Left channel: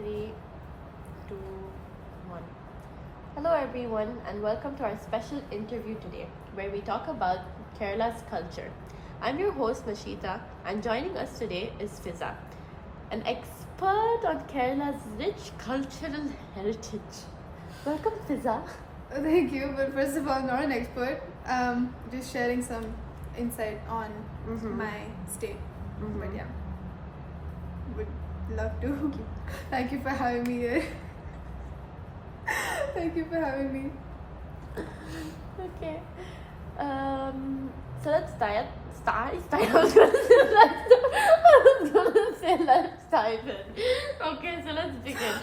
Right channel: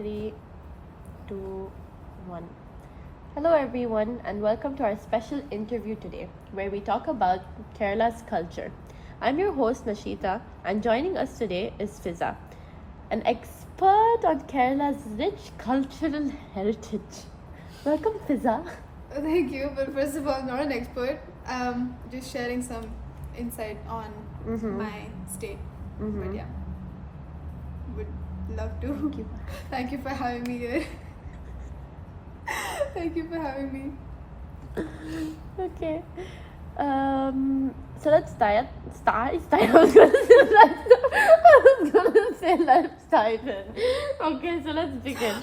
Three, two, one. Hello, everyone, and welcome to our special interview today, where we talk about Kerala's culture. I'm your host, Nashita, and joining us today is Fiza, an expert on Kerala's rich cultural heritage. Welcome, Fiza. Thank you, but first of all, I'm not an expert. Just sharing some insight on my state. But yeah, would love to. Thank you for having me here. Thank you for having me. Okay. So let's start. I was gonna say let's dive in. Okay, so let's begin.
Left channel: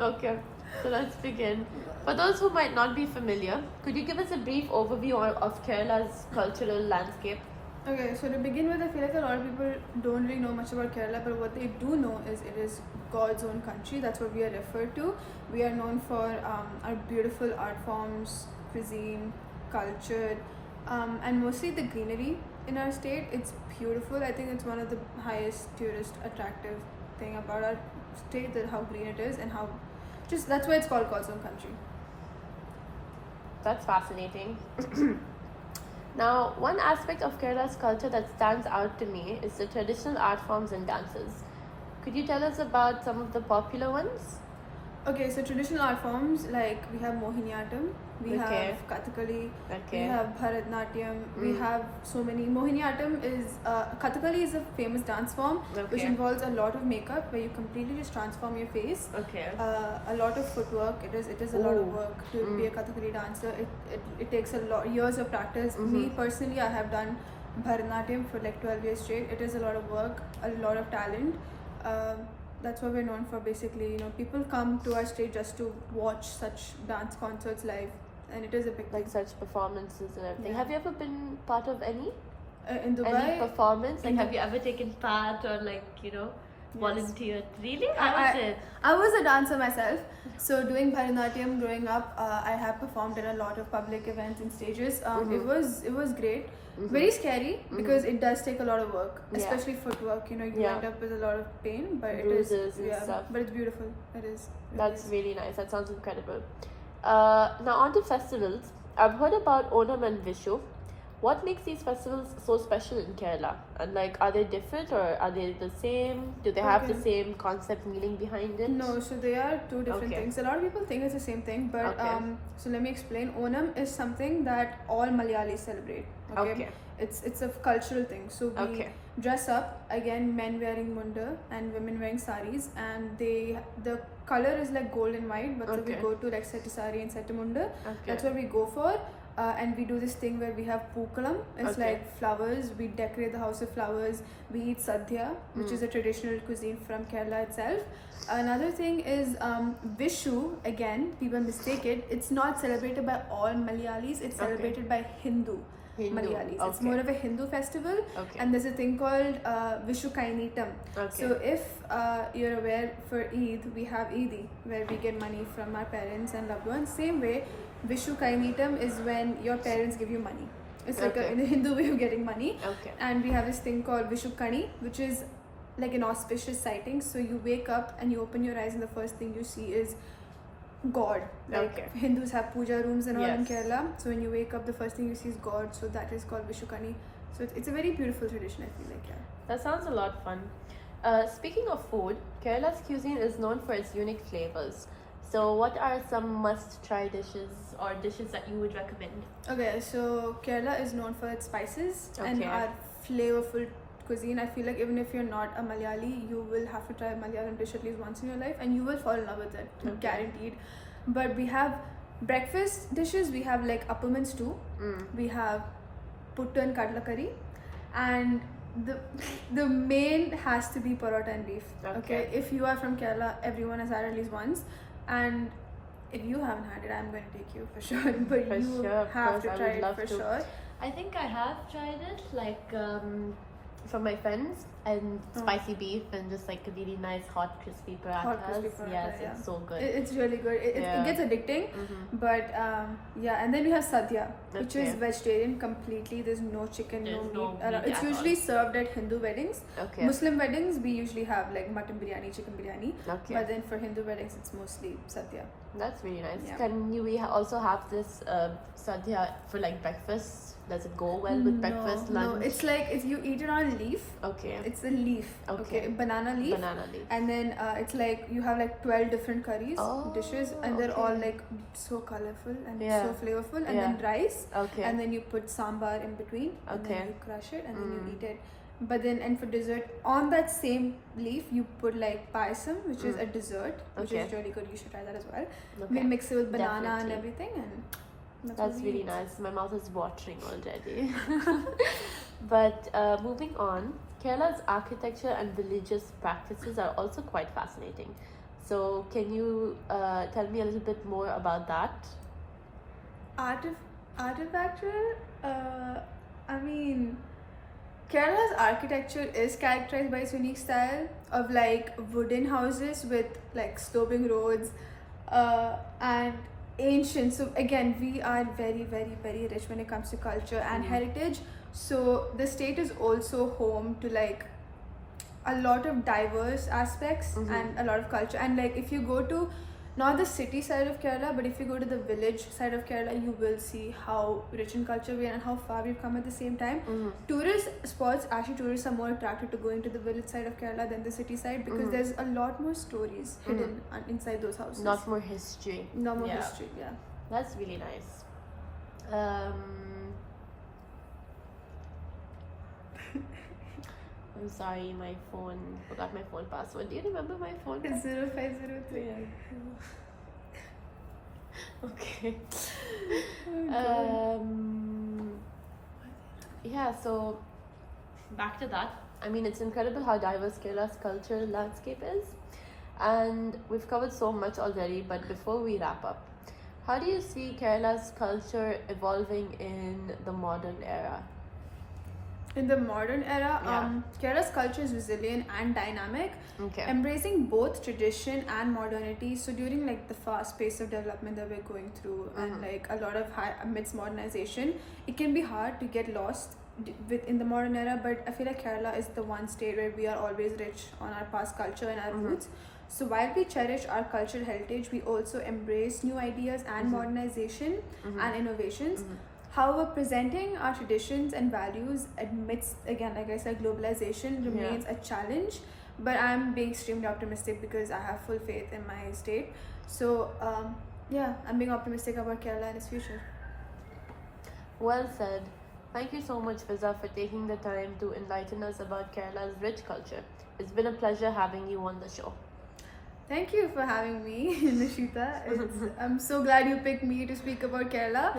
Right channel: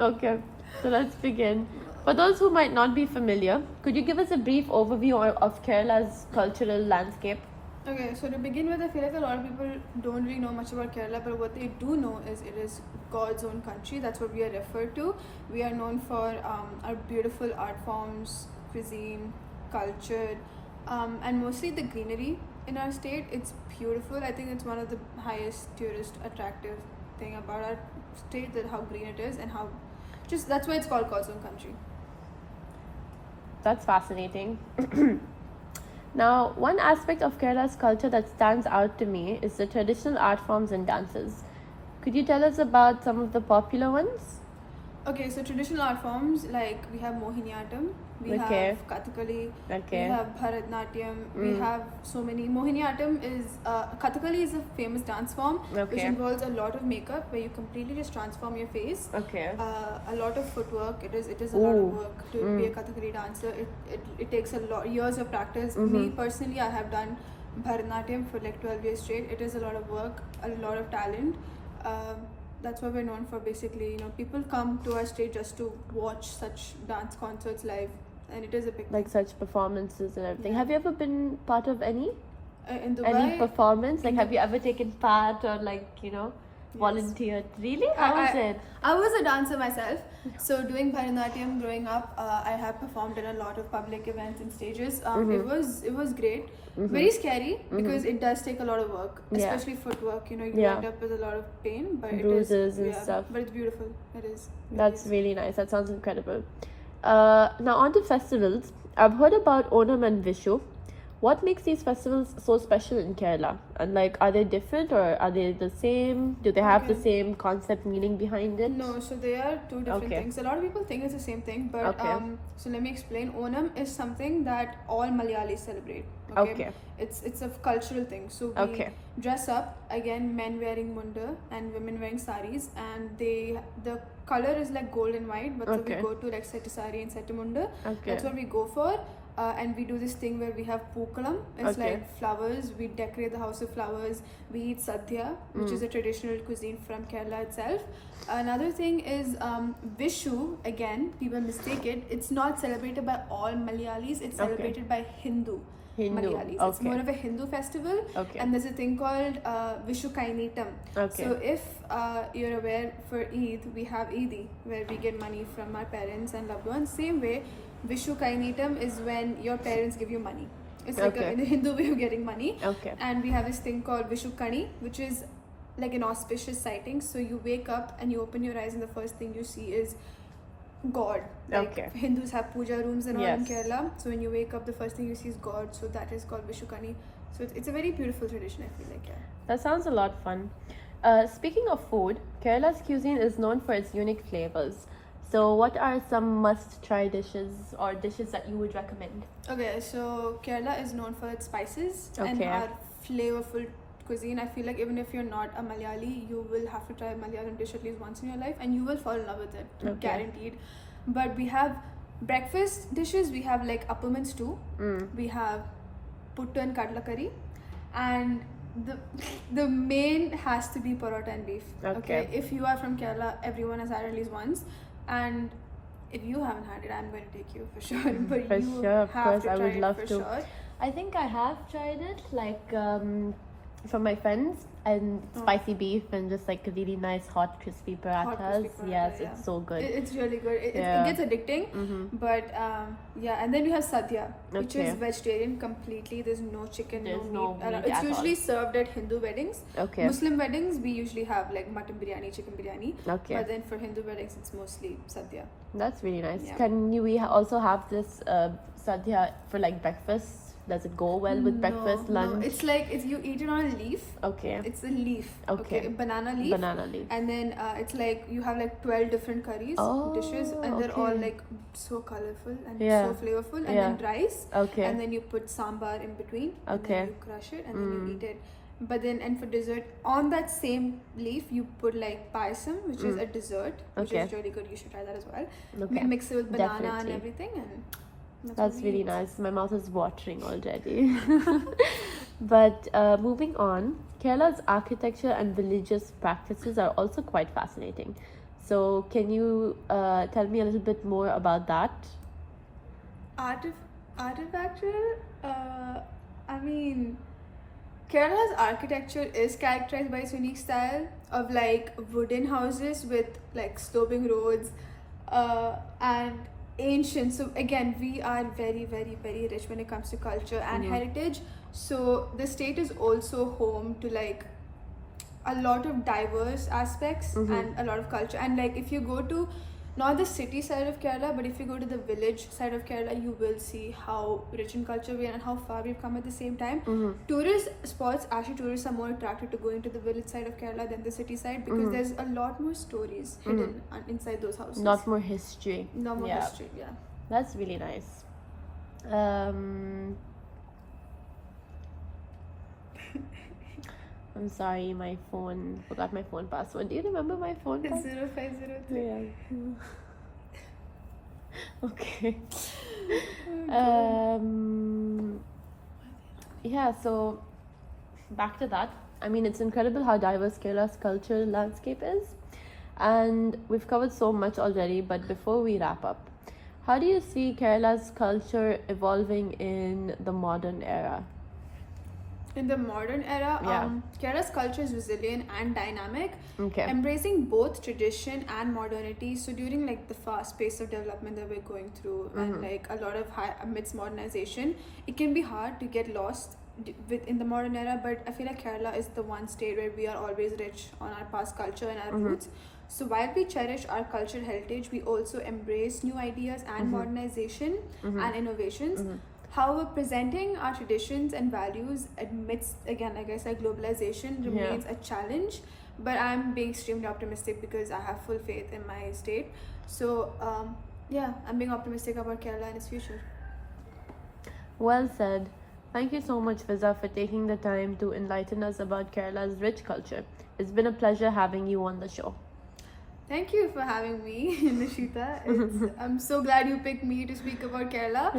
Okay, so let's begin. For those who might not be familiar, could you give us a brief overview of Kerala's cultural landscape? Okay, so to begin with, I feel like a lot of people don't really know much about Kerala, but what they do know is it is God's own country. That's what we are referred to. We are known for our beautiful art forms, cuisine, culture, and mostly the greenery in our state. It's beautiful. I think it's one of the highest tourist attractive thing about our state, that how green it is and how just that's why it's called God's own country. That's fascinating. Now, one aspect of Kerala's culture that stands out to me is the traditional art forms and dances. Could you tell us about some of the popular ones? Okay, so traditional art forms, like we have Mohiniyattam, we have Kathakali, we have Bharatnatyam, we have so many. Mohiniyattam is, Kathakali is a famous dance form which involves a lot of makeup where you completely just transform your face. A lot of footwork, it is a lot of work to be a Kathakali dancer. It takes a lot years of practice. Me personally, I have done Bharatnatyam for like 12 years straight. It is a lot of work, a lot of talent. That's what we're known for, basically. People come to our state just to watch such dance concerts live, and it is a big like such performances and everything. Yeah. Have you ever been part of any in Dubai? Any performance? Like, have you ever taken part or volunteered? Really? How was it? I was a dancer myself. So doing Bharatanatyam growing up, I have performed in a lot of public events and stages. It was great. Very scary because it does take a lot of work, especially footwork. You end up with a lot of pain, but bruises and stuff. But it's beautiful. It is. That's really nice. That sounds incredible. Now on to festivals. I've heard about Onam and Vishu. What makes these festivals so special in Kerala? And are they different or are they the same? Do they have the same concept meaning behind it? No, so they are two different things. A lot of people think it's the same thing, but so let me explain. Onam is something that all Malayalis celebrate. Okay. It's a cultural thing. So we dress up, again, men wearing munda and women wearing saris, and the color is like gold and white, but so we go to like seti sari and seti munda. That's what we go for. And we do this thing where we have pookalam. It's like flowers. We decorate the house with flowers. We eat sadhya, which is a traditional cuisine from Kerala itself. Another thing is Vishu. Again, people mistake it. It's not celebrated by all Malayalis. It's celebrated by Hindu Malayalis. It's more of a Hindu festival. And there's a thing called Vishu Kainitam. So if you're aware, for Eid, we have Eidi, where we get money from our parents and loved ones. Same way, Vishu Kainitam is when your parents give you money. It's like in the Hindu way of getting money. And we have this thing called Vishu Kani, which is like an auspicious sighting. So you wake up and you open your eyes and the first thing you see is God. Hindus have puja rooms and all in Kerala. So when you wake up, the first thing you see is God. So that is called Vishu Kani. So it's a very beautiful tradition, I feel like. That sounds a lot fun. Speaking of food, Kerala's cuisine is known for its unique flavors. So what are some must-try dishes or dishes that you would recommend? Okay, so Kerala is known for its spices and our flavorful cuisine. I feel like even if you're not a Malayali, you will have to try a Malayalam dish at least once in your life and you will fall in love with it, guaranteed. But we have breakfast dishes. We have like appam and stew. We have puttu and kadla curry. And the main has to be parota and beef. Okay. If you are from Kerala, everyone has had at least once. And if you haven't had it, I'm going to take you for sure. But you have to try it for sure. I think I have tried it. from my friends, and spicy beef and just like a really nice hot crispy parathas. Yes, it's so good. It's really good. It gets addicting, but and then we have sadhya, which is vegetarian completely. There's no chicken, no meat. It's usually served at Hindu weddings. Muslim weddings we usually have like mutton biryani, chicken biryani. But then for Hindu weddings it's mostly sadhya. That's really nice. Can we also have this sadhya for like breakfast? Does it go well with breakfast, lunch? No, it's like you eat it on a leaf. It's a leaf. Banana leaf. And then it's like you have like 12 different curries, dishes, and they're all like so colorful and so flavorful. And then rice. And then you put sambar in between. And then you crush it and then you eat it. But then, and for dessert, on that same leaf, you put like payasam, which is a dessert, which is really good. You should try that as well. We mix it with banana and everything, and that's really nice. My mouth is watering already. But moving on, Kerala's architecture and religious practices are also quite fascinating. So can you tell me a little bit more about that? Architecture? I mean, Kerala's architecture is characterized by its unique style of like wooden houses with like sloping roads and ancient. So again, we are very, very, very rich when it comes to culture and heritage. So the state is also home to like a lot of diverse aspects and a lot of culture. And like if you go to not the city side of Kerala, but if you go to the village side of Kerala, you will see how rich in culture we are and how far we've come at the same time. Tourist spots, actually tourists are more attracted to going to the village side of Kerala than the city side because there's a lot more stories hidden inside those houses. Not more history. History, yeah. That's really nice. I'm sorry, my phone, forgot my phone password. Do you remember my phone password? 0503. Okay. So back to that. I mean, it's incredible how diverse Kerala's cultural landscape is. And we've covered so much already, but before we wrap up, how do you see Kerala's culture evolving in the modern era? In the modern era, Kerala's culture is resilient and dynamic, embracing both tradition and modernity. So during like the fast pace of development that we're going through and like a lot of amidst modernization, it can be hard to get lost within the modern era. But I feel like Kerala is the one state where we are always rich on our past culture and our roots. So while we cherish our cultural heritage, we also embrace new ideas and modernization and innovations. However, presenting our traditions and values amidst, again, like I said, globalization remains a challenge. But I'm being extremely optimistic because I have full faith in my state. So, I'm being optimistic about Kerala and its future. Well said. Thank you so much, Fiza, for taking the time to enlighten us about Kerala's rich culture. It's been a pleasure having you on the show. Thank you for having me, Nishita. I'm so glad you picked me to speak about Kerala.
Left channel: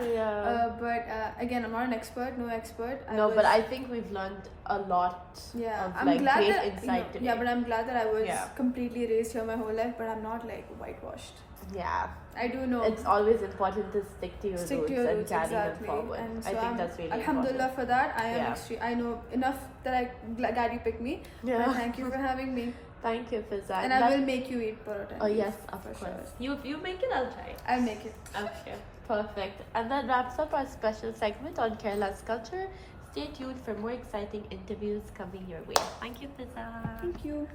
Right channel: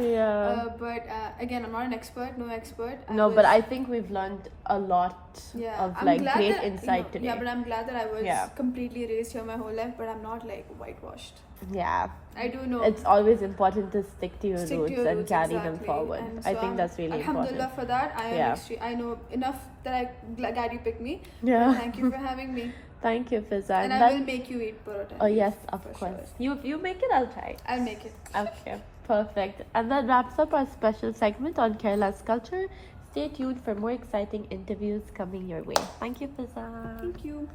But again, I'm not an expert, no expert. But I think we've learned a lot of great insight today. Yeah, but I'm glad that I was completely raised here my whole life, but I'm not like whitewashed. Yeah. I do know. It's always important to stick to your roots and carry them forward. And so I think that's really Alhamdulillah important. for that. I know enough that I'm glad you picked me. But thank you for having me. Thank you, Fiza. And I will make you eat parota. Oh yes, of course. Sure. You make it, I'll try. I'll make it. Okay, perfect. And that wraps up our special segment on Kerala's culture. Stay tuned for more exciting interviews coming your way. Thank you, Fiza. Thank you.